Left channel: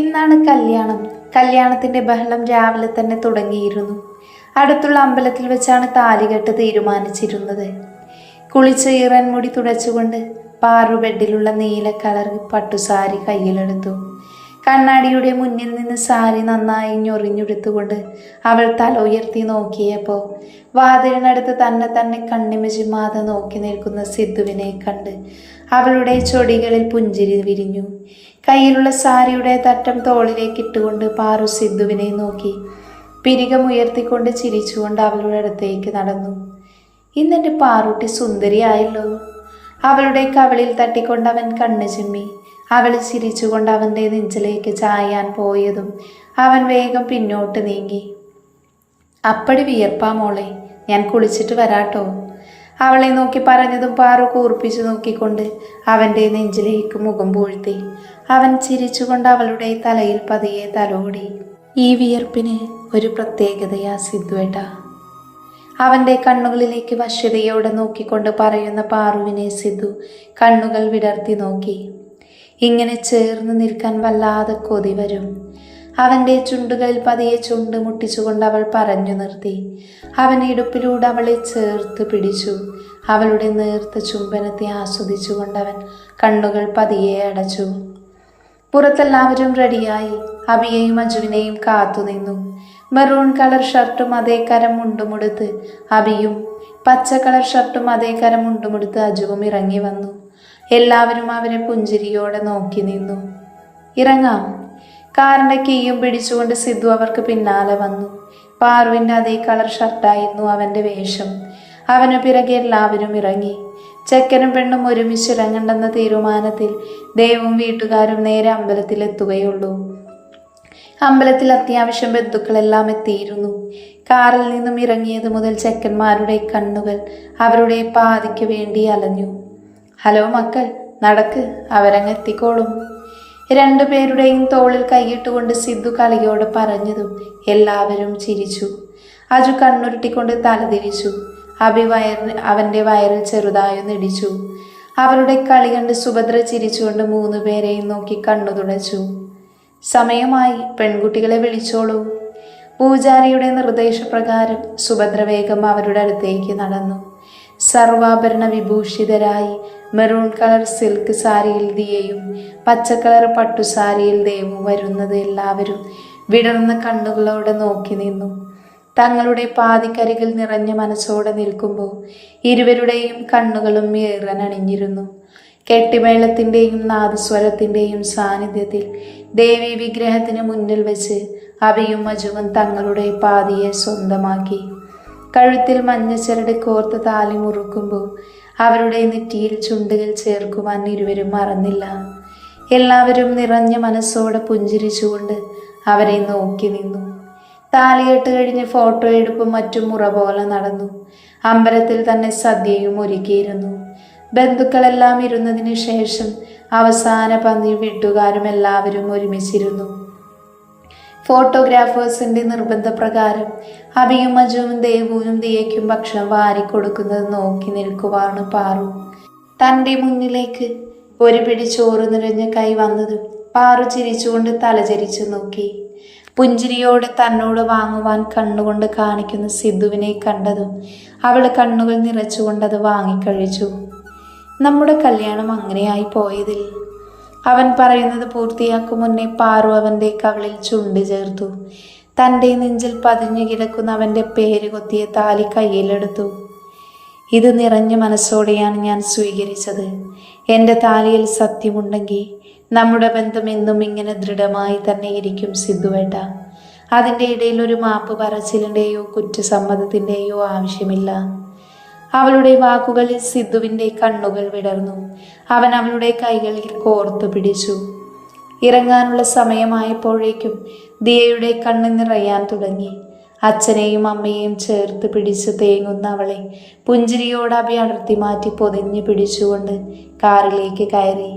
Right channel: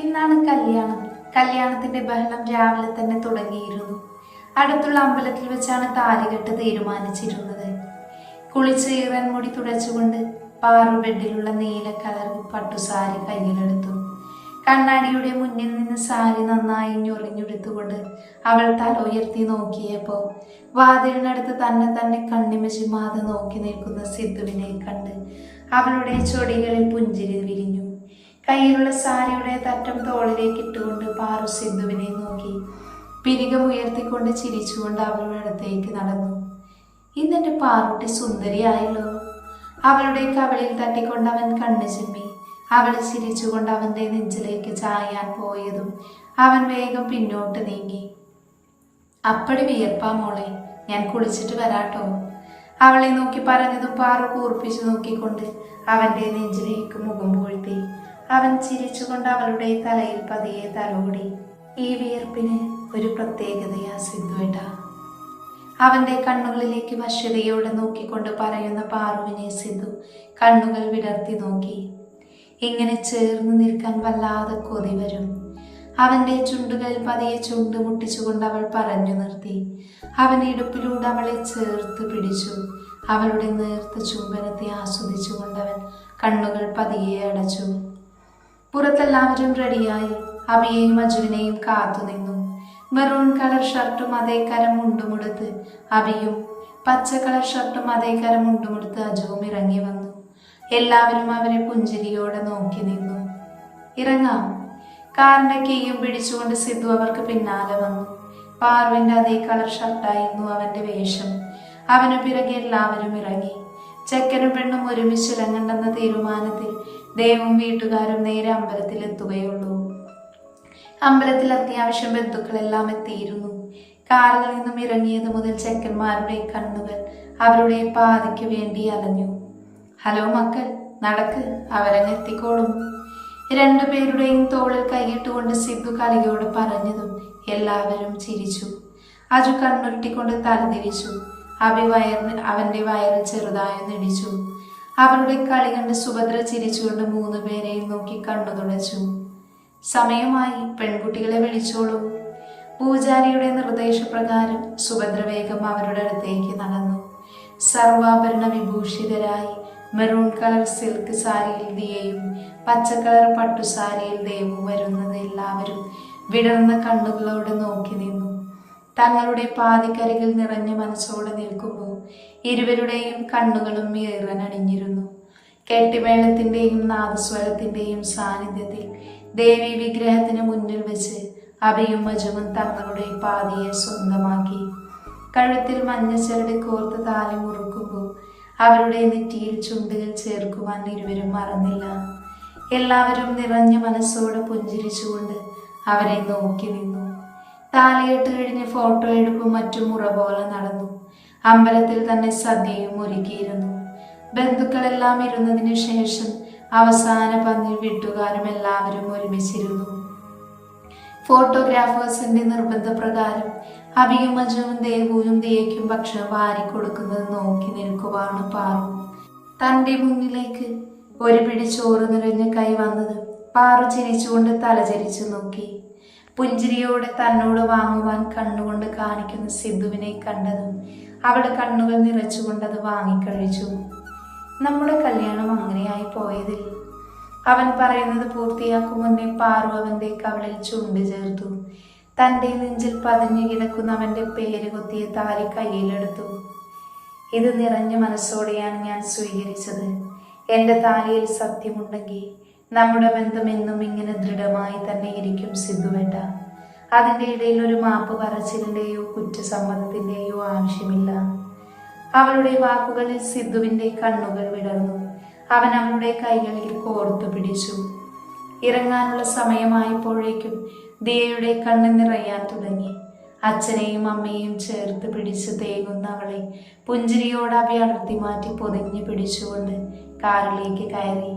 ഇന്നാണ് കല്യാണം. കല്യാണത്തിന്റെ ബഹളം രാവിലെ തന്നെ തുടങ്ങിയിരുന്നു. അടുത്തുള്ള അമ്പലത്തിൽ വെച്ചാണ് താലികെട്ട് തീരുമാനിച്ചിരുന്നത്. കുളിച്ച് ഈറൻ മുടി തുടച്ചുകൊണ്ട് പാറു ബെഡിലുള്ള നീല കളർ പട്ടുസാരി കയ്യിലെടുത്തു. കണ്ണാടിയുടെ മുന്നിൽ നിന്ന് സാരി നന്നായി ഞൊറിഞ്ഞെടുത്തുകൊണ്ട് അവൾ തല ഉയർത്തി നോക്കിയപ്പോൾ വാതിലിനടുത്ത് തന്നെ കണ്ണിമചിമാതെ നോക്കി നിൽക്കുന്ന സിദ്ധുവിനെ കണ്ട് അവളുടെ ചൊടികളിൽ പുഞ്ചിരി വിരിഞ്ഞു. കയ്യിലുള്ള സാരിയുടെ തട്ടം തോളിലേക്ക് ഇട്ടുകൊണ്ട് പാറു സിദ്ധുവിനെ നോക്കി പിരികമുയർത്തിക്കൊണ്ട് ചിരിച്ചുകൊണ്ട് അവളുടെ അടുത്തേക്ക് നടന്നു. ഇന്നെൻ്റെ പാറുട്ടി സുന്ദരിയായല്ലോ. അവളുടെ കവിളിൽ തട്ടിക്കൊണ്ട് അവൻ കണ്ണു ചിമ്മി. അവൾ ചിരിച്ചുകൊണ്ട് അവൻ്റെ നെഞ്ചിലേക്ക് ചായാൻ പോയതും അവൻ വേഗം പിന്നോട്ട് നീങ്ങി. അപ്പടി വിയർപ്പാ മോളെ, ഞാൻ കുളിച്ചിട്ട് വരാട്ടോ. അവളെ നോക്കി പറഞ്ഞതും പാറു കൂർപ്പിച്ചു നോക്കിക്കൊണ്ട് അവൻ്റെ നെഞ്ചിലേക്ക് മുഖം പൂഴ്ത്തി. അവൻ ചിരിച്ചുകൊണ്ട് അവളുടെ തലയിൽ പതിയെ തലോടി. ഈ വിയർപ്പിന് ഒരു പ്രത്യേകതയാ സിദ്ധുവേട്ടാ. അവൻ്റെ കണ്ണുകളിലേക്ക് വശ്യതയോടെ നോക്കിക്കൊണ്ട് പറയുന്ന പാറുവിനെ സിദ്ധു കണ്ണുകൾ വിടർത്തി നോക്കി. ഇങ്ങനെ ചേർന്ന് നിൽക്കാൻ വല്ലാതെ കൊതി വരും. അവൻ്റെ ചുണ്ടുകളിൽ പതിയെ ചുണ്ട് മുട്ടിച്ചുകൊണ്ട് അവൾ പറഞ്ഞു നിർത്തി. അവൻ ഇടുപ്പിലൂടെ അവളെ ചേർത്ത് പിടിച്ചു. അവളുടെ നേർത്ത ചുംബനത്തെ ആസ്വദിച്ചുകൊണ്ടവൻ കണ്ണുകൾ പതിയെ അടച്ചു. പുറത്തെല്ലാവരും റെഡിയായി. അബിയെയും അജുവിനെയും കാത്തുനിന്നു. മെറൂൺ കളർ ഷർട്ടും അതേ കരം മുണ്ടുമുടുത്ത് അബിയും പച്ച കളർ ഷർട്ടും അതേ കരം മുണ്ടുമുടുത്ത് അജുവും ഇറങ്ങി വന്നു. എല്ലാവരും അവരെ പുഞ്ചിരിയോടെ നോക്കി നിന്നു. ഇറങ്ങാം. കാറിന്റെ കീയും പിടിച്ചുകൊണ്ട് സിദ്ധു അവർക്ക് പിന്നാലെ വന്നു. പാറുവിൻ്റെ അതേ കളർ ഷർട്ടായിരുന്നു അവൻ്റെ വേഷം. അവന് പിറകെ എല്ലാവരും ഇറങ്ങി. ചെക്കനും പെണ്ണും ഒരുമിച്ച് ഇറങ്ങണ്ടെന്ന തീരുമാനത്തിൽ ദേവും വീട്ടുകാരും നേരെ അമ്പലത്തിലെത്തുകയുള്ളൂ. അമ്പലത്തിൽ അത്യാവശ്യം ബന്ധുക്കളെല്ലാം എത്തിയിരുന്നു. കാറിൽ നിന്നും ഇറങ്ങിയത് മുതൽ ചെക്കന്മാരുടെ കണ്ണുകൾ അവരുടെ പാതിക്ക് വേണ്ടി അലഞ്ഞു. ഹലോ മക്കൾ, നടക്ക്, അവരങ്ങ് എത്തിക്കോളും. രണ്ടുപേരുടെയും തോളിൽ കൈയിട്ടുകൊണ്ട് സിദ്ധു കളിയോട് പറഞ്ഞതും എല്ലാവരും ചിരിച്ചു. അജു കണ്ണുരുട്ടിക്കൊണ്ട് തലതിരിച്ചു. അബി അവൻ്റെ വയറിൽ ചെറുതായൊന്നിടിച്ചു. അവരുടെ കളി കണ്ട് സുഭദ്ര ചിരിച്ചുകൊണ്ട് 3 പേരെയും നോക്കി കണ്ണു തുടച്ചു. സമയമായി, പെൺകുട്ടികളെ വിളിച്ചോളൂ. പൂജാരിയുടെ നിർദ്ദേശപ്രകാരം സുഭദ്ര വേഗം അവരുടെ അടുത്തേക്ക് നടന്നു. സർവാഭരണ വിഭൂഷിതരായി മെറൂൺ കളർ സിൽക്ക് സാരിയിൽ ദിയയും പച്ചക്കളർ പട്ടുസാരിയിൽ ദേവും വരുന്നത് എല്ലാവരും വിടർന്ന കണ്ണുകളോടെ നോക്കി നിന്നു. തങ്ങളുടെ പാതിക്കരികിൽ നിറഞ്ഞ മനസ്സോടെ നിൽക്കുമ്പോൾ ഇരുവരുടെയും കണ്ണുകളും ഏറനണിഞ്ഞിരുന്നു. കെട്ടിമേളത്തിൻ്റെയും നാദസ്വരത്തിൻ്റെയും സാന്നിധ്യത്തിൽ ദേവി വിഗ്രഹത്തിന് മുന്നിൽ വെച്ച് അബിയും അജുവും തങ്ങളുടെ പാതിയെ സ്വന്തമാക്കി. കഴുത്തിൽ മഞ്ഞച്ചരട് കോർത്ത് താലി മുറുക്കുമ്പോൾ അവരുടെ നെറ്റിയിൽ ചുണ്ടുകൾ ചേർക്കുവാൻ ഇരുവരും മറന്നില്ല. എല്ലാവരും നിറഞ്ഞ മനസ്സോടെ പുഞ്ചിരിച്ചുകൊണ്ട് അവരെ നോക്കി നിന്നു. താലികെട്ട് കഴിഞ്ഞ് ഫോട്ടോ എടുപ്പും മറ്റും മുറ പോലെ നടന്നു. അമ്പലത്തിൽ തന്നെ സദ്യയും ഒരുക്കിയിരുന്നു. ബന്ധുക്കളെല്ലാം ഇരുന്നതിന് ശേഷം അവസാന പന്തി വീട്ടുകാരും എല്ലാവരും ഒരുമിച്ചിരുന്നു. ഫോട്ടോഗ്രാഫേഴ്സിന്റെ നിർബന്ധപ്രകാരം അബിയും അജുവും ദേവുവും ദിയയ്ക്കും ഭക്ഷണം വാരിക്കൊടുക്കുന്നത് നോക്കി നിൽക്കുവാണ് പാറു. തൻ്റെ മുന്നിലേക്ക് ഒരു പിടി ചോറ് നിറഞ്ഞ കൈ വന്നതും പാറു ചിരിച്ചുകൊണ്ട് തലചരിച്ചു നോക്കി. പുഞ്ചിരിയോടെ തന്നോട് വാങ്ങുവാൻ കണ്ണുകൊണ്ട് കാണിക്കുന്ന സിദ്ധുവിനെ കണ്ടതും അവൾ കണ്ണുകൾ നിറച്ചുകൊണ്ടത് വാങ്ങിക്കഴിച്ചു. നമ്മുടെ കല്യാണം അങ്ങനെയായി പോയതിൽ. അവൻ പറയുന്നത് പൂർത്തിയാക്കും മുന്നേ പാറു അവൻ്റെ കവിളിൽ ചുണ്ട് ചേർത്തു. തൻ്റെ നെഞ്ചിൽ പതിഞ്ഞു കിടക്കുന്ന അവൻ്റെ പേര് കൊത്തിയ താലി കയ്യിലെടുത്തു. ഇത് നിറഞ്ഞ മനസ്സോടെയാണ് ഞാൻ സ്വീകരിച്ചത്. എൻ്റെ താലിയിൽ സത്യമുണ്ടെങ്കിൽ നമ്മുടെ ബന്ധം എന്നും ഇങ്ങനെ ദൃഢമായി തന്നെ ഇരിക്കും സിദ്ധുവേട്ട. അതിൻ്റെ ഇടയിൽ ഒരു മാപ്പ് പറച്ചിലിൻ്റെയോ കുറ്റസമ്മതത്തിൻ്റെയോ ആവശ്യമില്ല. അവളുടെ വാക്കുകളിൽ സിദ്ധുവിൻ്റെ കണ്ണുകൾ വിടർന്നു. അവൻ അവളുടെ കൈകളിൽ കോർത്തു പിടിച്ചു. ഇറങ്ങാനുള്ള സമയമായപ്പോഴേക്കും ദിയയുടെ കണ്ണ് നിറയാൻ തുടങ്ങി. അച്ഛനെയും അമ്മയെയും ചേർത്ത് പിടിച്ച് തേങ്ങുന്ന അവളെ പുഞ്ചിരിയോട് അഭി അടർത്തി മാറ്റി പൊതിഞ്ഞു പിടിച്ചുകൊണ്ട് കാറിലേക്ക് കയറി.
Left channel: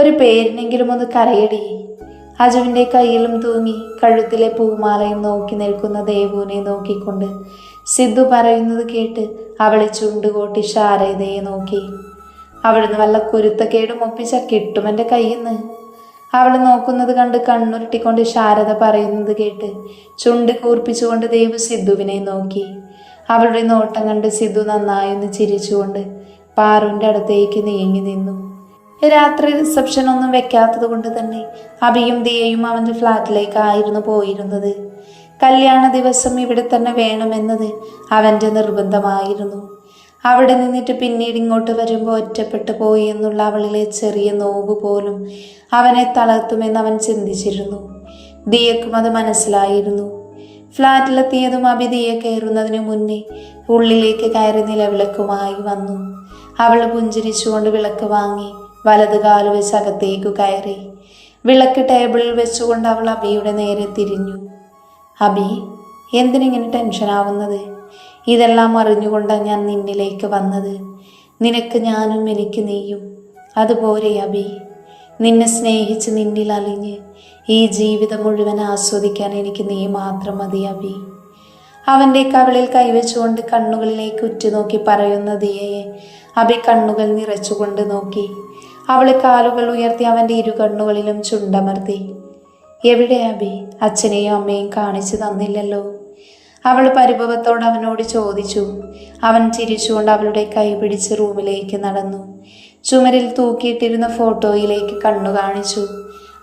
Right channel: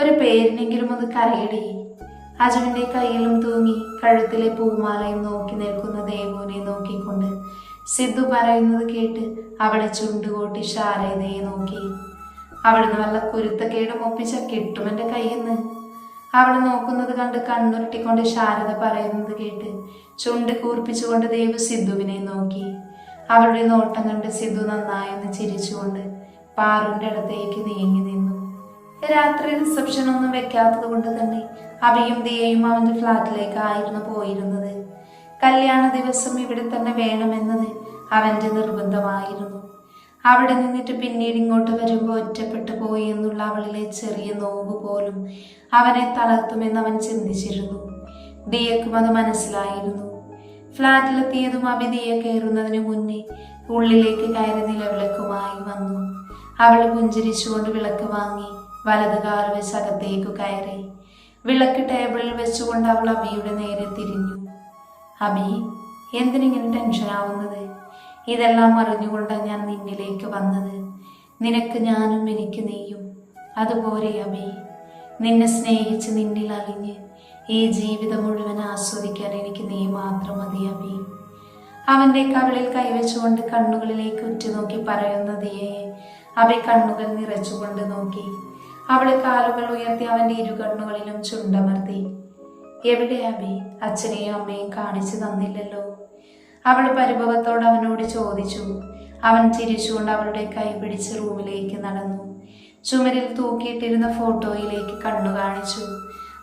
ഒരു പേരിനെങ്കിലും ഒന്ന് കരയടി. അജുവിൻ്റെ കയ്യിലും തൂങ്ങി കഴുത്തിലെ പൂമാലയും നോക്കി നിൽക്കുന്ന ദേവുവിനെ നോക്കിക്കൊണ്ട് സിദ്ധു പറയുന്നത് കേട്ട് അവളെ ചുണ്ടുകോട്ടി ശാരദയെ നോക്കി. അവിടുന്ന് വല്ല കുരുത്തക്കേടും ഒപ്പിച്ച കിട്ടും എൻ്റെ കയ്യിൽ നിന്ന്. അവൾ നോക്കുന്നത് കണ്ട് കണ്ണുരുട്ടിക്കൊണ്ട് ശാരദ പറയുന്നത് കേട്ട് ചുണ്ട് കൂർപ്പിച്ചുകൊണ്ട് ദേവു സിദ്ധുവിനെ നോക്കി. അവളുടെ നോട്ടം കണ്ട് സിദ്ധു നന്നായൊന്ന് ചിരിച്ചുകൊണ്ട് പാറുവിൻ്റെ അടുത്തേക്ക് നീങ്ങി നിന്നു. രാത്രി റിസപ്ഷൻ ഒന്നും വെക്കാത്തത് കൊണ്ട് തന്നെ അഭിയും ദിയയും അവൻ്റെ ഫ്ലാറ്റിലേക്കായിരുന്നു പോയിരുന്നത്. കല്യാണ ദിവസം ഇവിടെ തന്നെ വേണമെന്നത് അവൻ്റെ നിർബന്ധമായിരുന്നു. അവിടെ നിന്നിട്ട് പിന്നീട് ഇങ്ങോട്ട് വരുമ്പോൾ ഒറ്റപ്പെട്ടു പോയി എന്നുള്ള അവളിലെ ചെറിയ നോവ് പോലും അവനെ തളർത്തുമെന്ന് അവൻ ചിന്തിച്ചിരുന്നു. ദിയക്കും അത് മനസ്സിലായിരുന്നു. ഫ്ലാറ്റിലെത്തിയതും അഭി ദിയ കയറുന്നതിന് മുന്നേ ഉള്ളിലേക്ക് കയറി നിലവിളക്കുമായി വന്നു. അവൾ പുഞ്ചിരിച്ചുകൊണ്ട് വിളക്ക് വാങ്ങി വലത് കാല് വെച്ച് അകത്തേക്കു കയറി. വിളക്ക് ടേബിളിൽ വെച്ചുകൊണ്ട് അവൾ അഭിയുടെ നേരെ തിരിഞ്ഞു. അഭി, എന്തിനിങ്ങനെ ടെൻഷനാവുന്നത്? ഇതെല്ലാം അറിഞ്ഞുകൊണ്ടാണ് ഞാൻ നിന്നിലേക്ക് വന്നത്. നിനക്ക് ഞാനും എനിക്ക് നീയും, അതുപോലെ അഭി. നിന്നെ സ്നേഹിച്ച് നിന്നിൽ അലിഞ്ഞ് ഈ ജീവിതം മുഴുവൻ ആസ്വദിക്കാൻ എനിക്ക് നീ മാത്രം മതി അഭി. അവൻ്റെ കവിളിൽ കൈവച്ചുകൊണ്ട് കണ്ണുകളിലേക്ക് ഉറ്റുനോക്കി പറയുന്ന ദിയയെ അഭി കണ്ണുകൾ നിറച്ചുകൊണ്ട് നോക്കി. അവളെ കാലുകൾ ഉയർത്തി അവൻ്റെ ഇരു കണ്ണുകളിലും ചുണ്ടമർത്തി. എവിടെ അഭി? അച്ഛനെയും അമ്മയും കാണിച്ചു തന്നില്ലല്ലോ. അവൾ പരിഭവത്തോട് അവനോട് ചോദിച്ചു. അവൻ ചിരിച്ചുകൊണ്ട് അവളുടെ കൈ പിടിച്ച് റൂമിലേക്ക് നടന്നു. ചുമരിൽ തൂക്കിയിട്ടിരുന്ന ഫോട്ടോയിലേക്ക് കണ്ണു കാണിച്ചു.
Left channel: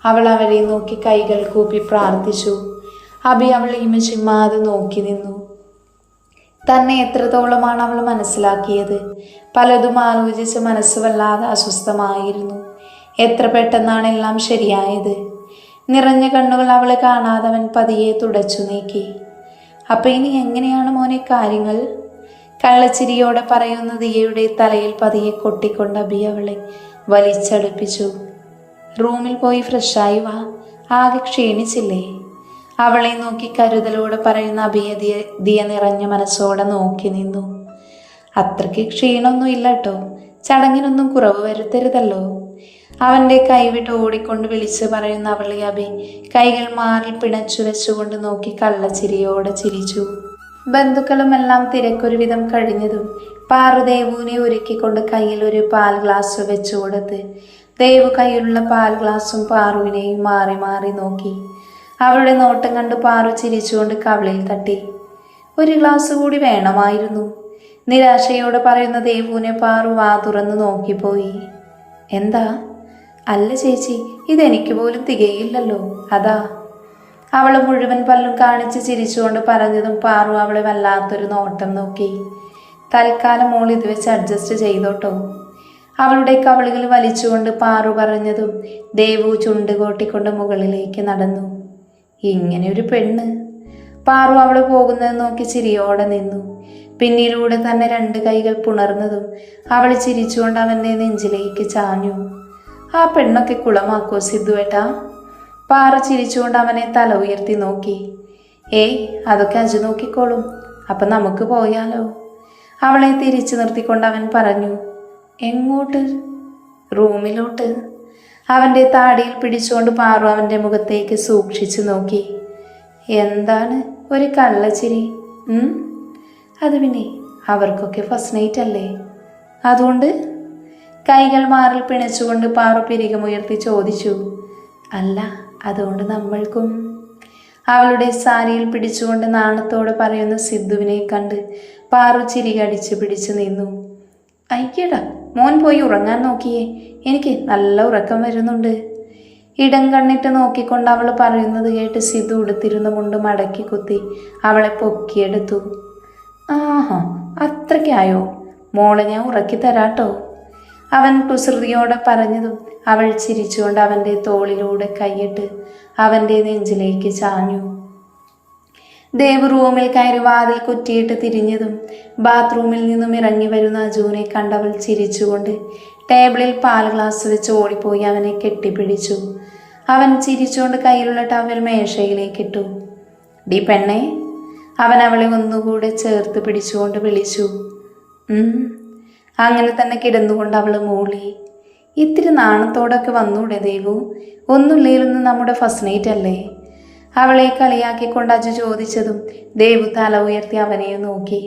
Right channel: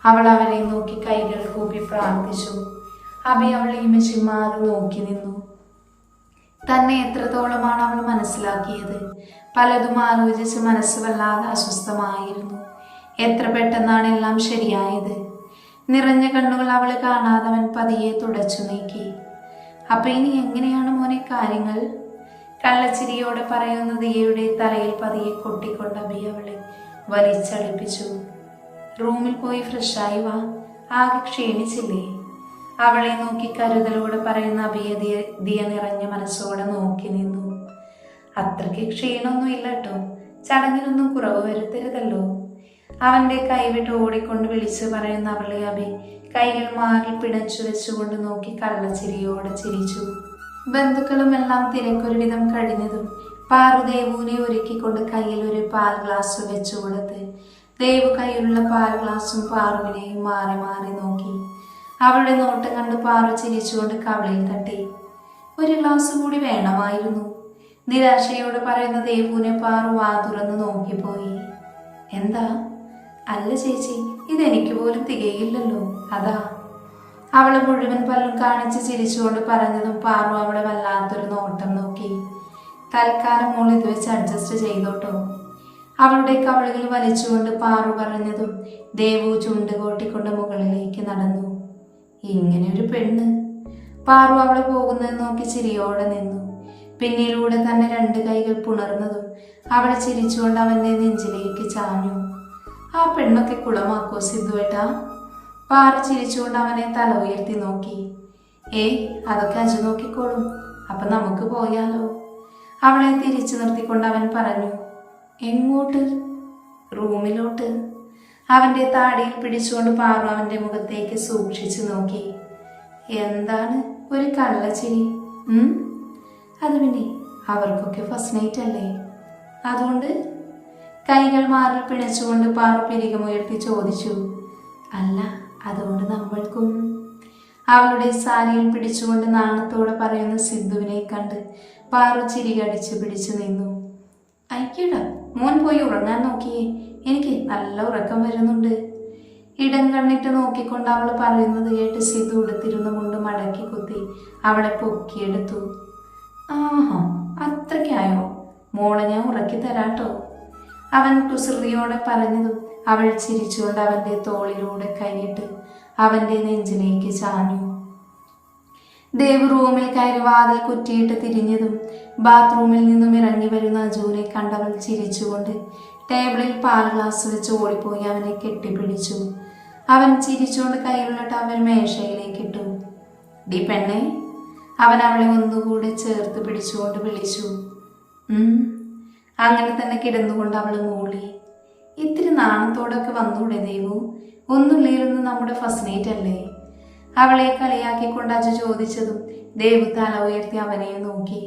അവൾ അവരെ നോക്കി കൈകൾ കൂപ്പി പ്രാർത്ഥിച്ചു. അഭി അവളെയും ചിമ്മാതെ നോക്കി നിന്നു. തന്നെ എത്രത്തോളമാണ് അവൾ മനസ്സിലാക്കിയത്? പലതും ആലോചിച്ച് മനസ്സ് വല്ലാതെ അസ്വസ്ഥമായിരുന്നു. എത്ര പെട്ടെന്നാണ് എല്ലാം ശരിയായത്. നിറഞ്ഞ കണ്ണുകൾ അവളെ കാണാതെ അവൻ പതിയെ തുടച്ചു നീക്കി. അപ്പം ഇനി എങ്ങനെയാണ് മോനെ കാര്യങ്ങൾ? കള്ളച്ചിരിയോടെ പറയുന്ന ദിയയുടെ തലയിൽ പതിയെ കൊട്ടിക്കൊണ്ട് അഭി അവളെ വലിച്ചടുപ്പിച്ചു. റൂമിൽ പോയി ഫ്രഷായി വാ, ആകെ ക്ഷീണിച്ചില്ലേ? അവളെ നോക്കി കരുതലോടെ പറയുന്ന അഭിയെ ദിയ നിറഞ്ഞ മനസ്സോടെ നോക്കി നിന്നു. അത്രയ്ക്ക് ക്ഷീണമൊന്നും ഇല്ല കേട്ടോ, ചടങ്ങിനൊന്നും കുറവ് വരുത്തരുതല്ലോ. അവൻ്റെ കൈവിട്ട് ഓടിക്കൊണ്ട് വിളിച്ച് പറയുന്ന അവളെ അഭി കൈകൾ മാറിൽ പിണച്ചു വെച്ചുകൊണ്ട് നോക്കി കള്ളച്ചിരിയോടെ ചിരിച്ചു. ബന്ധുക്കളുമെല്ലാം തിരക്കൊരുവിധം കഴിഞ്ഞതും പാറു ദേവുവിനെ ഒരുക്കിക്കൊണ്ട് കയ്യിൽ ഒരു പാൽ ഗ്ലാസ് വെച്ചു കൊടുത്ത് ദേവു കയ്യിലുള്ള പാൽ ഗ്ലാസും പാറുവിനെയും മാറി മാറി നോക്കി. അവളുടെ നോട്ടം കണ്ട് പാറു ചിരിച്ചുകൊണ്ട് കവിളിൽ തട്ടി. ഒരു ഗ്ലാസ് കൂടി വേണമായിരുന്നു, നിരാശയോടെ പറയുന്ന ദേവുവിനെ പാറു വാ തുറന്ന് നോക്കിപ്പോയി. എന്താ? അല്ല ചേച്ചി, ഇതെനിക്ക് പോലും തികയില്ലല്ലോ, അതാ. അവൾ മുഴുവൻ പല്ലും കാണിച്ച് ചിരിച്ചുകൊണ്ട് പറഞ്ഞതും പാറു അവളെ വല്ലാത്തൊരു നോട്ടം നോക്കി. തൽക്കാലം മോൾ ഇത് വെച്ച് അഡ്ജസ്റ്റ് ചെയ്തോട്ടോ. അവളുടെ കവിളുകൾ വലിച്ചുകൊണ്ട് പാറു പറഞ്ഞതും ദേവു ചുണ്ട് കോട്ടിക്കൊണ്ട് മുകളിലേക്ക് നടന്നു. ഇങ്ങനെ ഒരു പെണ്ണ്. പാറു അവൾ പോകുന്നത് നോക്കി ചിരിയോടെ നിന്നു. പിന്നിലൂടെ തന്നെ 2 കൈകൾ പുണർന്നതും അവൾ ചിരിച്ചുകൊണ്ട് അവൻ്റെ നെഞ്ചിലേക്ക് ചാഞ്ഞു. ആ പെണ്ണൊക്കെ കുളമാക്കോ സിദ്ധുവേട്ടാ? പാറു ചിരിച്ചുകൊണ്ട് അവനെ തല ഉയർത്തി നോക്കി. ഏയ്, അതൊക്കെ അജു നോക്കിക്കോളും. അപ്പം നമുക്ക് പോയാലോ? അവളെ തിരിച്ചു നിർത്തിക്കൊണ്ട് അവൻ പറഞ്ഞു. എങ്ങോട്ട്? റൂമിലോട്ട്. അവൻ്റെ താടിയിൽ പിടിച്ചുകൊണ്ട് പാറു അവൻ്റെ മുഖത്തേക്ക് സൂക്ഷിച്ചു നോക്കി. എന്താണ് ഒരു കള്ളച്ചിരി? അത് പിന്നെ അവർക്കൊക്കെ ഫസ്റ്റ് നൈറ്റ് അല്ലേ, അതുകൊണ്ട്? കൈകൾ മാറിൽ പിണച്ചുകൊണ്ട് പാറു പിരികമുയർത്തി ചോദിച്ചു. അല്ല, അതുകൊണ്ട് നമ്മൾക്കും. അവളുടെ സാരിയിൽ പിടിച്ചുകൊണ്ട് നാണത്തോടെ പറയുന്ന സിദ്ധുവിനെ കണ്ട് പാറു ചിരി കടിച്ചു പിടിച്ചു നിന്നു. അയ്യടാ, മോൻ പോയി ഉറങ്ങാൻ നോക്കിയേ, എനിക്ക് നല്ല ഉറക്കം വരുന്നുണ്ട്. ഇടം കണ്ണിട്ട് നോക്കിക്കൊണ്ട് അവൾ പറയുന്നത് കേട്ട് സിദ്ധു ഉടുത്തിരുന്ന മുണ്ട് മടക്കി കുത്തി അവളെ പൊക്കിയെടുത്തു. ആഹാ, അത്രയ്ക്കായോ? മോളെ ഞാൻ ഉറക്കി തരാട്ടോ. അവൻ കുസൃതിയോടെ പറഞ്ഞതും അവൾ ചിരിച്ചുകൊണ്ട് അവൻ്റെ തോളിലൂടെ കൈയിട്ട് അവൻ്റെ നെഞ്ചിലേക്ക് ചാഞ്ഞു. ദേവ് റൂമിൽ കയറി വാതിൽ കുറ്റിയിട്ട് തിരിഞ്ഞതും ബാത്റൂമിൽ നിന്നും ഇറങ്ങി വരുന്ന അജുവിനെ കണ്ടവൾ ചിരിച്ചുകൊണ്ട് ടേബിളിൽ പാൽ ഗ്ലാസ് വെച്ച് ഓടിപ്പോയി അവനെ കെട്ടിപ്പിടിച്ചു. അവൻ ചിരിച്ചുകൊണ്ട് കയ്യിലുള്ള ടവൽ മേശയിലേക്കിട്ടു. ഡി പെണ്ണേ, അവൻ അവളെ ഒന്നുകൂടെ ചേർത്ത് പിടിച്ചുകൊണ്ട് വിളിച്ചു. അങ്ങനെ തന്നെ കിടന്നുകൊണ്ട് അവൾ മൂളി. ഇത്തിരി നാണത്തോടൊക്കെ വന്നൂടെ ദേവു? ഒന്നുമില്ലായിരുന്നു നമ്മുടെ ഫസ്റ്റ് നൈറ്റ് അല്ലേ? അവളെ കളിയാക്കിക്കൊണ്ട് അജു ചോദിച്ചതും ദേവു തല ഉയർത്തി അവനെ നോക്കി.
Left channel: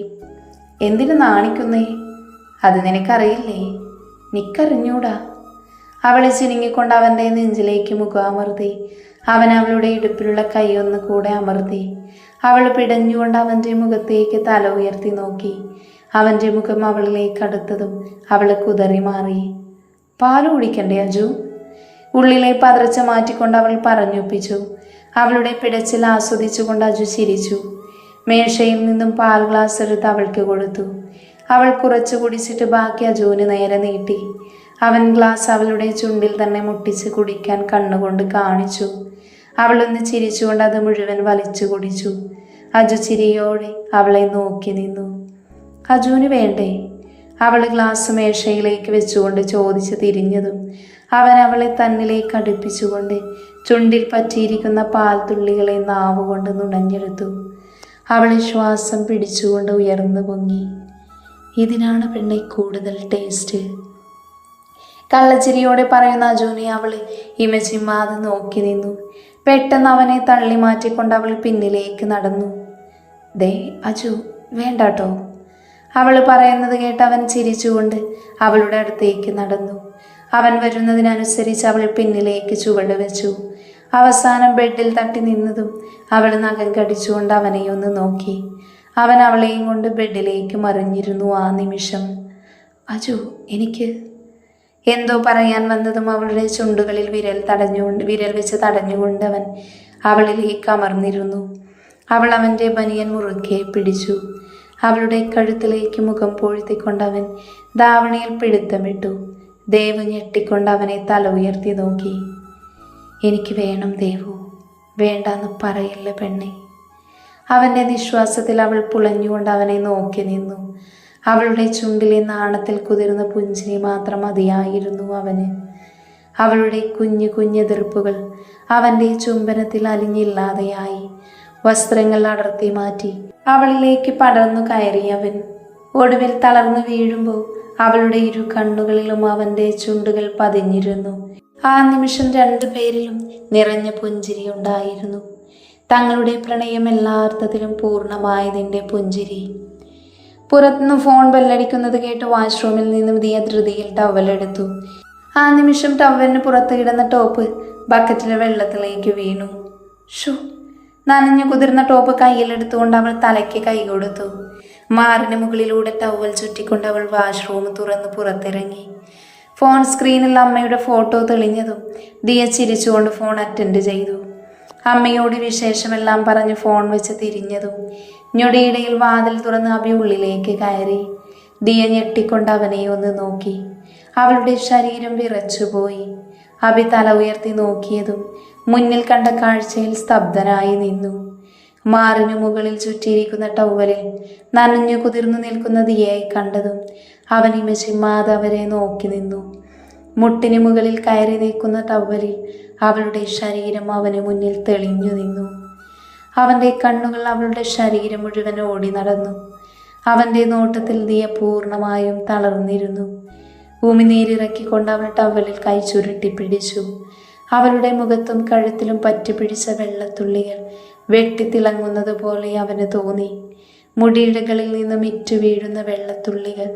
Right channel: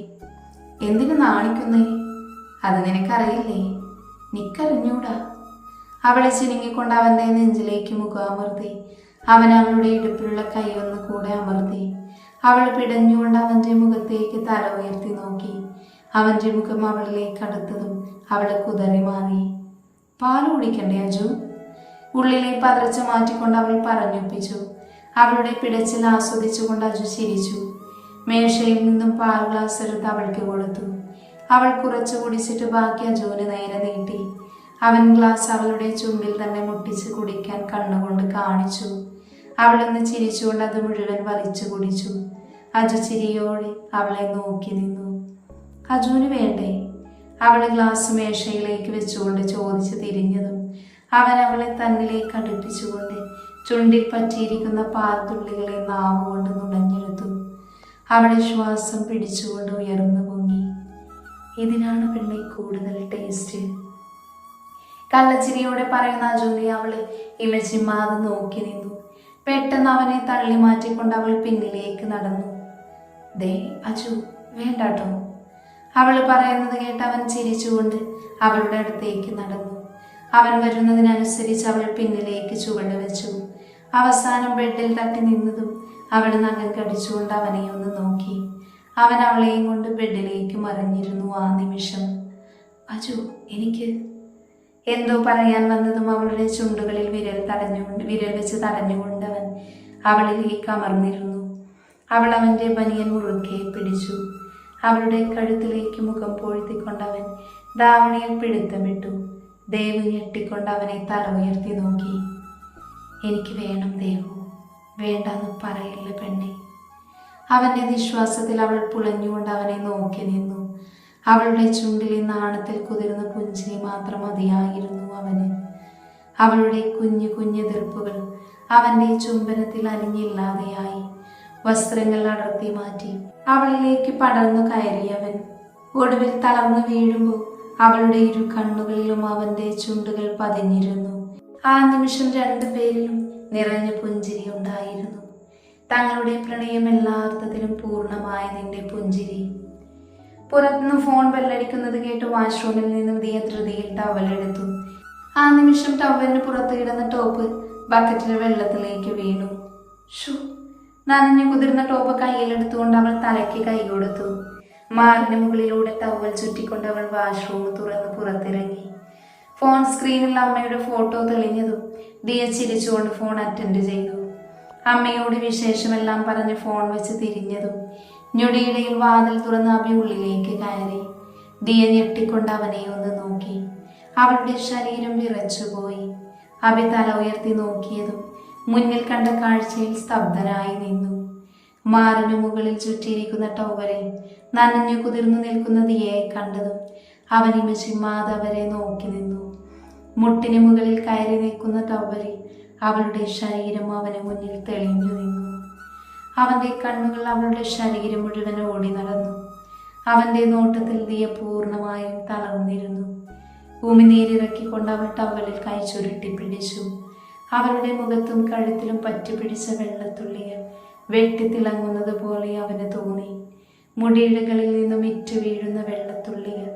എന്തിനു നാണിക്കുന്നേ? അത് നിനക്കറിയില്ലേ? നിക്കറിഞ്ഞൂടാ. അവൾ ചിനുങ്ങിക്കൊണ്ട് അവൻ്റെ നെഞ്ചിലേക്ക് മുഖം അമർത്തി. അവൻ അവളുടെ ഇടുപ്പിലുള്ള കൈയൊന്ന് കൂടെ അമർത്തി. അവൾ പിടഞ്ഞുകൊണ്ട് അവൻ്റെ മുഖത്തേക്ക് തല ഉയർത്തി നോക്കി. അവൻ്റെ മുഖം അവളിലേക്ക് അടുത്തതും അവൾ കുതറി മാറി. പാല് കുടിക്കണ്ടേ അജു? ഉള്ളിലെ പതർച്ച മാറ്റിക്കൊണ്ട് അവൾ പറഞ്ഞൊപ്പിച്ചു. അവളുടെ പിടച്ചിൽ ആസ്വദിച്ചുകൊണ്ട് അജു ചിരിച്ചു. മേശയിൽ നിന്നും പാൽ ഗ്ലാസ് എടുത്ത് അവൾക്ക് കൊടുത്തു. അവൾ കുറച്ച് കുടിച്ചിട്ട് ബാക്കി അജുവിന് നേരെ നീട്ടി. അവൻ ഗ്ലാസ് അവളുടെ ചുണ്ടിൽ തന്നെ മുട്ടിച്ച് കുടിക്കാൻ കണ്ണുകൊണ്ട് കാണിച്ചു. അവളൊന്ന് ചിരിച്ചുകൊണ്ട് അത് മുഴുവൻ വലിച്ചു കുടിച്ചു. അജു ചിരിയോടെ അവളെ നോക്കി നിന്നു. അജുവിന് വേണ്ടേ? അവൾ ഗ്ലാസ് മേശയിലേക്ക് വെച്ചുകൊണ്ട് ചോദിച്ച് തിരിഞ്ഞതും അവൻ അവളെ തന്നിലേക്ക് അടുപ്പിച്ചുകൊണ്ട് ചുണ്ടിൽ പറ്റിയിരിക്കുന്ന പാൽത്തുള്ളികളെ നാവുകൊണ്ട് നുണഞ്ഞെടുത്തു. അവൾ ശ്വാസം പിടിച്ചുകൊണ്ട് ഉയർന്നു പൊങ്ങി. ഇതിനാണ് പെണ്ണെ കൂടുതൽ ടേസ്റ്റ്. കള്ളച്ചിരിയോടെ പറയുന്ന അജുവിനെ അവൾ ഇമച്ചിമ്മാതെ നോക്കി നിന്നു. പെട്ടെന്ന് അവനെ തള്ളി മാറ്റിക്കൊണ്ട് അവൾ പിന്നിലേക്ക് നടന്നു. ദേ അജു, വേണ്ടാട്ടോ. അവൾ പറയുന്നത് കേട്ട് അവൻ ചിരിച്ചുകൊണ്ട് അവളുടെ അടുത്തേക്ക് നടന്നു. അവൻ വരുന്നതിനനുസരിച്ച് അവൾ പിന്നിലേക്ക് ചുവട് വെച്ചു. അവസാനം ബെഡിൽ തട്ടി നിന്നതും അവൾ നഖം കടിച്ചുകൊണ്ട് അവനെ ഒന്ന് നോക്കി. അവൻ അവളെയും കൊണ്ട് ബെഡിലേക്ക് മറിഞ്ഞിരുന്നു. ആ നിമിഷം അജു, എനിക്ക് എന്തോ പറയാൻ വന്നതും അവളുടെ ചുണ്ടുകളിൽ വിരൽ വെച്ച് തടഞ്ഞുകൊണ്ട് അവൻ അവളിലേക്ക് അമർന്നിരുന്നു. അവൾ അവൻ്റെ ബനിയൻ മുറുകെ പിടിച്ചു. അവളുടെ കഴുത്തിലേക്ക് മുഖം പൂഴ്ത്തിക്കൊണ്ട് അവൻ ധാവണിയിൽ പിടുത്തമിട്ടു. ദേവു ഞെട്ടിക്കൊണ്ട് അവനെ തല ഉയർത്തി നോക്കി. എനിക്ക് വേണം ദേവു, വേണ്ടാന്ന് പറയില്ല പെണ്ണെ. അവൻ്റെ നിശ്വാസത്തിൽ അവൾ പുളഞ്ഞുകൊണ്ട് അവനെ നോക്കി നിന്നു. അവളുടെ ചുണ്ടിലെ നാണത്തിൽ കുതിർന്ന പുഞ്ചിരി മാത്രം മതിയായിരുന്നു അവന്. അവളുടെ കുഞ്ഞു കുഞ്ഞെതിർപ്പുകൾ അവൻ്റെ ചുംബനത്തിൽ അലിഞ്ഞില്ലാതെയായി. വസ്ത്രങ്ങൾ അടർത്തി മാറ്റി അവളിലേക്ക് പടർന്നു കയറിയവൻ ഒടുവിൽ തളർന്നു വീഴുമ്പോൾ അവളുടെ ഇരു കണ്ണുകളിലും അവൻ്റെ ചുണ്ടുകൾ പതിഞ്ഞിരുന്നു. ആ നിമിഷം രണ്ടുപേരിലും നിറഞ്ഞ പുഞ്ചിരി ഉണ്ടായിരുന്നു. തങ്ങളുടെ പ്രണയം എല്ലാ അർത്ഥത്തിലും പൂർണ്ണമായതിൻ്റെ പുഞ്ചിരി. പുറത്തുനിന്ന് ഫോൺ ബെല്ലടിക്കുന്നത് കേട്ട് വാഷ്റൂമിൽ നിന്നും ദിയ ധൃതിയിൽ ടവലെടുത്തു. ആ നിമിഷം ടവലിന് പുറത്ത് കിടന്ന ടോപ്പ് ബക്കറ്റിലെ വെള്ളത്തിലേക്ക് വീണു. ഷോ! നനഞ്ഞു കുതിർന്ന ടോപ്പ് കയ്യിലെടുത്തുകൊണ്ട് അവൾ തലയ്ക്ക് കൈ കൊടുത്തു. മാറിന് മുകളിലൂടെ ടവൽ ചുറ്റിക്കൊണ്ട് അവൾ വാഷ്റൂം തുറന്ന് പുറത്തിറങ്ങി. ഫോൺ സ്ക്രീനിൽ അമ്മയുടെ ഫോട്ടോ തെളിഞ്ഞതും ദിയ ചിരിച്ചുകൊണ്ട് ഫോൺ അറ്റൻഡ് ചെയ്തു. അമ്മയോട് വിശേഷമെല്ലാം പറഞ്ഞ് ഫോൺ വെച്ച് തിരിഞ്ഞതും ഞൊടിയിടയിൽ വാതിൽ തുറന്ന് അഭി ഉള്ളിലേക്ക് കയറി. ദിയ ഞെട്ടിക്കൊണ്ട് അവനെ ഒന്ന് നോക്കി. അവളുടെ ശരീരം വിറച്ചുപോയി. അഭി തല ഉയർത്തി നോക്കിയതും മുന്നിൽ കണ്ട കാഴ്ചയിൽ സ്തബ്ധനായി നിന്നു. മാറിനു മുകളിൽ ചുറ്റിയിരിക്കുന്ന ടവലിൽ നനഞ്ഞു കുതിർന്നു നിൽക്കുന്ന ദിയയെ കണ്ടതും അവൻ ഇമച്ചിമ്മാതെ അവരെ നോക്കി നിന്നു. മുട്ടിന് മുകളിൽ കയറി നിൽക്കുന്ന ടവലിൽ അവളുടെ ശരീരം അവന് മുന്നിൽ തെളിഞ്ഞു നിന്നു. അവൻ്റെ കണ്ണുകൾ അവളുടെ ശരീരം മുഴുവൻ ഓടി നടന്നു. അവൻ്റെ നോട്ടത്തിൽ ദിയ പൂർണ്ണമായും തളർന്നിരുന്നു. ഉമിനീരിറക്കിക്കൊണ്ട് അവൾ ടവലിൽ കൈ ചുരുട്ടി പിടിച്ചു. അവളുടെ മുഖത്തും കഴുത്തിലും പറ്റുപിടിച്ച വെള്ളത്തുള്ളികൾ വെട്ടിത്തിളങ്ങുന്നത് പോലെ അവന് തോന്നി. മുടിയിഴകളിൽ നിന്നും ഇറ്റു വീഴുന്ന വെള്ളത്തുള്ളികൾ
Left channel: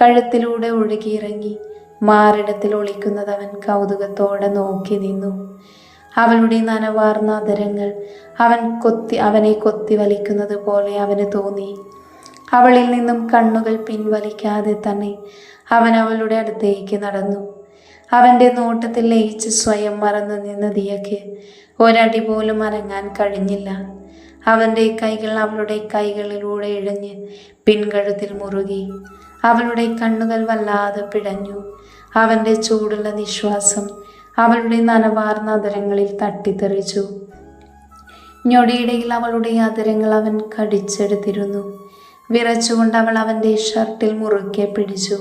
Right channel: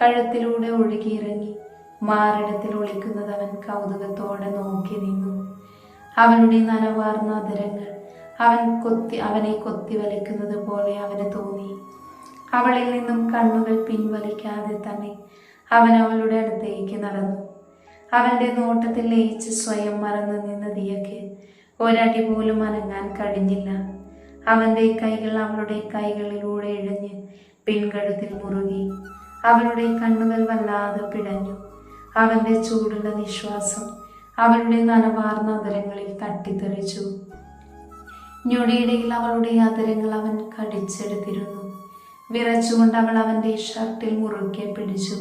കഴുത്തിലൂടെ ഒഴുകിയിറങ്ങി മാറിടത്തിൽ ഒളിക്കുന്നത് അവൻ കൗതുകത്തോടെ നോക്കി നിന്നു. അവളുടെ നനവാർന്ന അധരങ്ങൾ അവനെ കൊത്തി വലിക്കുന്നത് പോലെ അവന് തോന്നി. അവളിൽ നിന്നും കണ്ണുകൾ പിൻവലിക്കാതെ തന്നെ അവൻ അവളുടെ അടുത്തേക്ക് നടന്നു. അവൻ്റെ നോട്ടത്തിൽ ലയിച്ച് സ്വയം മറന്നു നിന്ന ദിയയ്ക്ക് ഒരടി പോലും അനങ്ങാൻ കഴിഞ്ഞില്ല. അവൻ്റെ കൈകൾ അവളുടെ കൈകളിലൂടെ ഇഴഞ്ഞ് പിൻകഴുത്തിൽ മുറുകി. അവളുടെ കണ്ണുകൾ വല്ലാതെ പിടഞ്ഞു. അവൻ്റെ ചൂടുള്ള നിശ്വാസം അവളുടെ നനവാർന്ന അധരങ്ങളിൽ തട്ടിത്തെറിച്ചു. ഞൊടിയിടയിൽ അവളുടെ അധരങ്ങൾ അവൻ കടിച്ചെടുത്തിരുന്നു. വിറച്ചുകൊണ്ട് അവൾ അവൻ്റെ ഷർട്ടിൽ മുറുകെ പിടിച്ചു.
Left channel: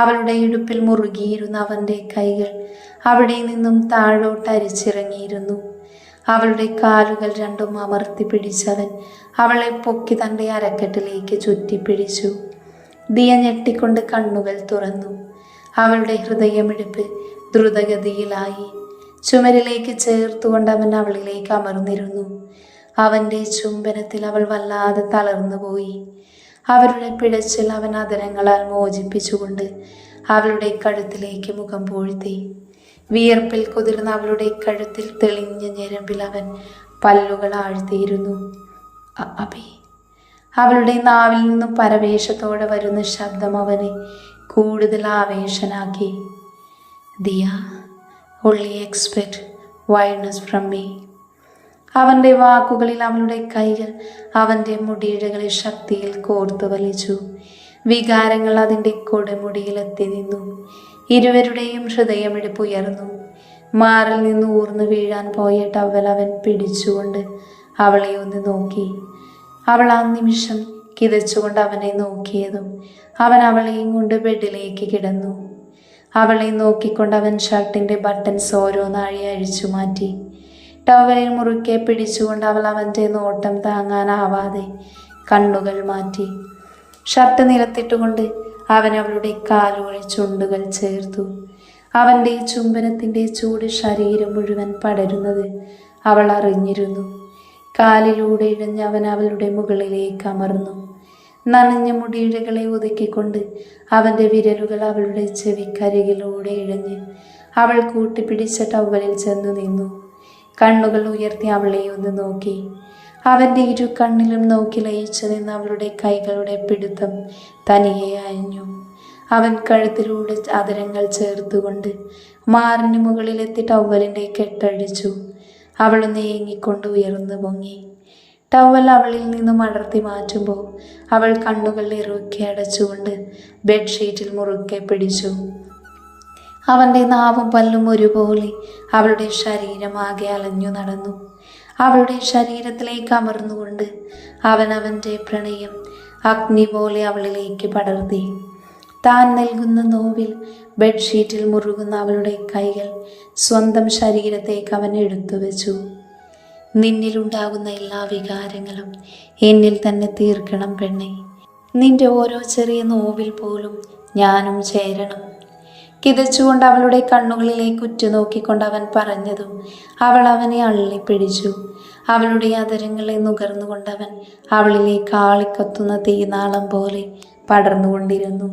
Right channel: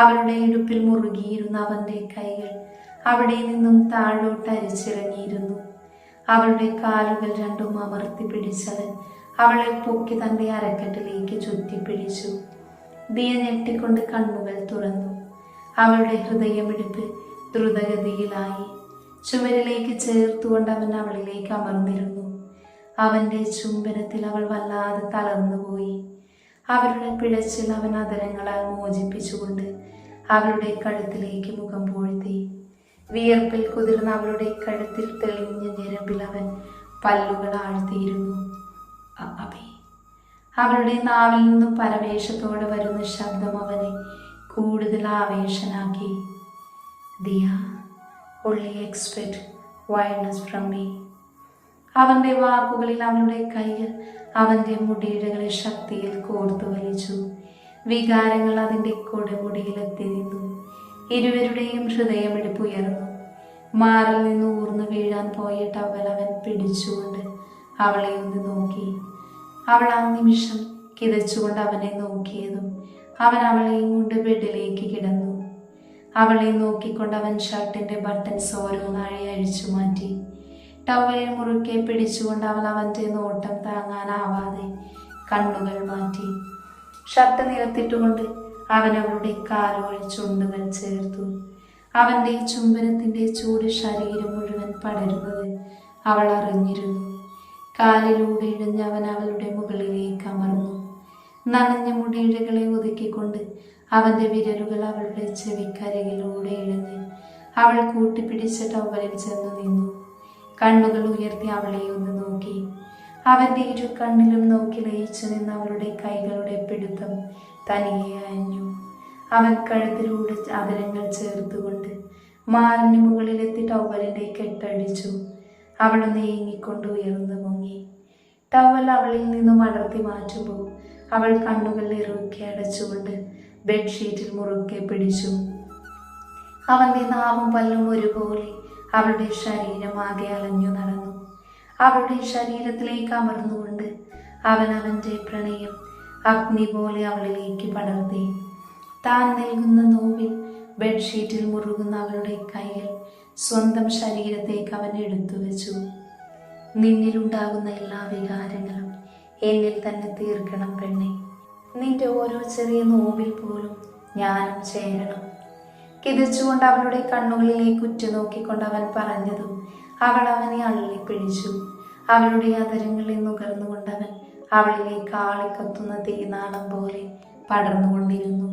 അവളുടെ ഇടുപ്പിൽ മുറുകിയിരുന്ന അവൻ്റെ കൈകൾ അവിടെ നിന്നും താഴോട്ട് അരിച്ചിറങ്ങിയിരുന്നു. അവളുടെ കാലുകൾ രണ്ടും അമർത്തി പിടിച്ചവൻ അവളെ പൊക്കി തൻ്റെ അരക്കെട്ടിലേക്ക് ചുറ്റിപ്പിടിച്ചു. ദിയ ഞെട്ടിക്കൊണ്ട് കണ്ണുകൾ തുറന്നു. അവളുടെ ഹൃദയമിടിപ്പ് ദ്രുതഗതിയിലായി. ചുമരിലേക്ക് ചേർത്തുകൊണ്ട് അവൻ അവളിലേക്ക് അമർന്നിരുന്നു. അവൻ്റെ ചുംബനത്തിൽ അവൾ വല്ലാതെ തളർന്നുപോയി. അവരുടെ പിടച്ചിൽ അവൻ അധരങ്ങളാൽ മോചിപ്പിച്ചുകൊണ്ട് അവളുടെ കഴുത്തിലേക്ക് മുഖം പൂഴ്ത്തി. വിയർപ്പിൽ കുതിർന്ന അവളുടെ കഴുത്തിൽ തെളിഞ്ഞ ഞരമ്പിൽ അവൻ പല്ലുകൾ ആഴ്ത്തിയിരുന്നു. അബി. അവളുടെ നാവിൽ നിന്നും പരവേശത്തോടെ വരുന്ന ശബ്ദം അവനെ കൂടുതൽ ആവേശനാക്കി. Diya, only expect wildness from me. അവൻ്റെ വാക്കുകളിൽ അവളുടെ കൈകൾ അവൻ്റെ മുടിയിഴകളെ ശക്തിയിൽ കോർത്തു വലിച്ചു. വികാരങ്ങൾ അതിൻ്റെ കൊടുമുടിയിലെത്തി നിന്നു. ഇരുവരുടെയും ഹൃദയമിടിപ്പുയർന്നു. മാറിൽ നിന്ന് ഊർന്നു വീഴാൻ പോയ ടവൽ അവൻ പിടിച്ചുകൊണ്ട് അവളെ ഒന്ന് നോക്കി. അവൾ ആ നിമിഷം കിതച്ചുകൊണ്ട് അവനെ നോക്കിയതും അവൻ അവളെയും കൊണ്ട് ബെഡിലേക്ക് കിടന്നു. അവളെ നോക്കിക്കൊണ്ട് അവൻ ഷർട്ടിൻ്റെ ബട്ടൺസ് ഓരോന്നാഴി അഴിച്ചു മാറ്റി. ടവലിൽ മുറുക്കെ പിടിച്ചുകൊണ്ട് അവൾ അവൻ്റെ നോട്ടം താങ്ങാനാവാതെ കണ്ണുകൾ മാറ്റി. ഷർട്ട് നിലത്തിട്ടുകൊണ്ട് അവൻ അവളുടെ കാലുകളിൽ ചുണ്ടുകൾ ചേർത്തു. അവൻ്റെ ചുംബനത്തിൻ്റെ ചൂട് ശരീരം മുഴുവൻ പടരുന്നത് അവൾ അറിഞ്ഞിരുന്നു. കാലിലൂടെ ഇഴഞ്ഞ് അവൻ അവളുടെ മുകളിലേക്ക് അമർന്നു. നനഞ്ഞ മുടിയിഴകളെ ഒതുക്കിക്കൊണ്ട് അവൻ്റെ വിരലുകൾ അവളുടെ ചെവിക്കരികിലൂടെ ഇഴഞ്ഞ് അവൾ കൂട്ടിപ്പിടിച്ച ടവലിൽ ചെന്നു നിന്നു. കണ്ണുകൾ ഉയർത്തി അവളെ ഒന്ന് നോക്കി. അവൻ്റെ ഇരു കണ്ണിലും നോക്കി ലയിച്ചു നിന്ന് അവളുടെ കൈകളുടെ പിടുത്തം തനിയെ അയഞ്ഞു. അവൻ കഴുത്തിലൂടെ അതിരങ്ങൾ ചേർത്തുകൊണ്ട് മാറിന് മുകളിലെത്തി ടവലിൻ്റെ കെട്ടഴിച്ചു. അവൾ നീങ്ങിക്കൊണ്ട് ഉയർന്നു പൊങ്ങി. ടവൽ അവളിൽ നിന്നും അടർത്തി മാറ്റുമ്പോൾ അവൾ കണ്ണുകൾ ഇറുക്കി അടച്ചുകൊണ്ട് ബെഡ്ഷീറ്റിൽ മുറുക്കെ പിടിച്ചു. അവൻ്റെ നാവും പല്ലും ഒരുപോലെ അവളുടെ ശരീരമാകെ അലഞ്ഞു നടന്നു. അവളുടെ ശരീരത്തിലേക്ക് അമർന്നുകൊണ്ട് അവൻ അവൻ്റെ പ്രണയം അഗ്നി പോലെ അവളിലേക്ക് പടർത്തി. താൻ നൽകുന്ന നോവിൽ ബെഡ്ഷീറ്റിൽ മുറുകുന്ന അവളുടെ കൈകൾ സ്വന്തം ശരീരത്തേക്ക് അവൻ എടുത്തു വെച്ചു. നിന്നിലുണ്ടാകുന്ന എല്ലാ വികാരങ്ങളും എന്നിൽ തന്നെ തീർക്കണം പെണ്ണെ. നിന്റെ ഓരോ ചെറിയ നോവിൽ പോലും ഞാനും ചേരണം. കിതച്ചുകൊണ്ട് അവളുടെ കണ്ണുകളിലേക്ക് ഉറ്റുനോക്കിക്കൊണ്ട് അവൻ പറഞ്ഞതും അവൾ അവനെ അള്ളിപ്പിടിച്ചു. അവളുടെ അതരങ്ങളെ നുകർന്നുകൊണ്ടവൻ അവളിലേക്ക് ആളിക്കത്തുന്ന തീനാളം പോലെ പടർന്നുകൊണ്ടിരുന്നു.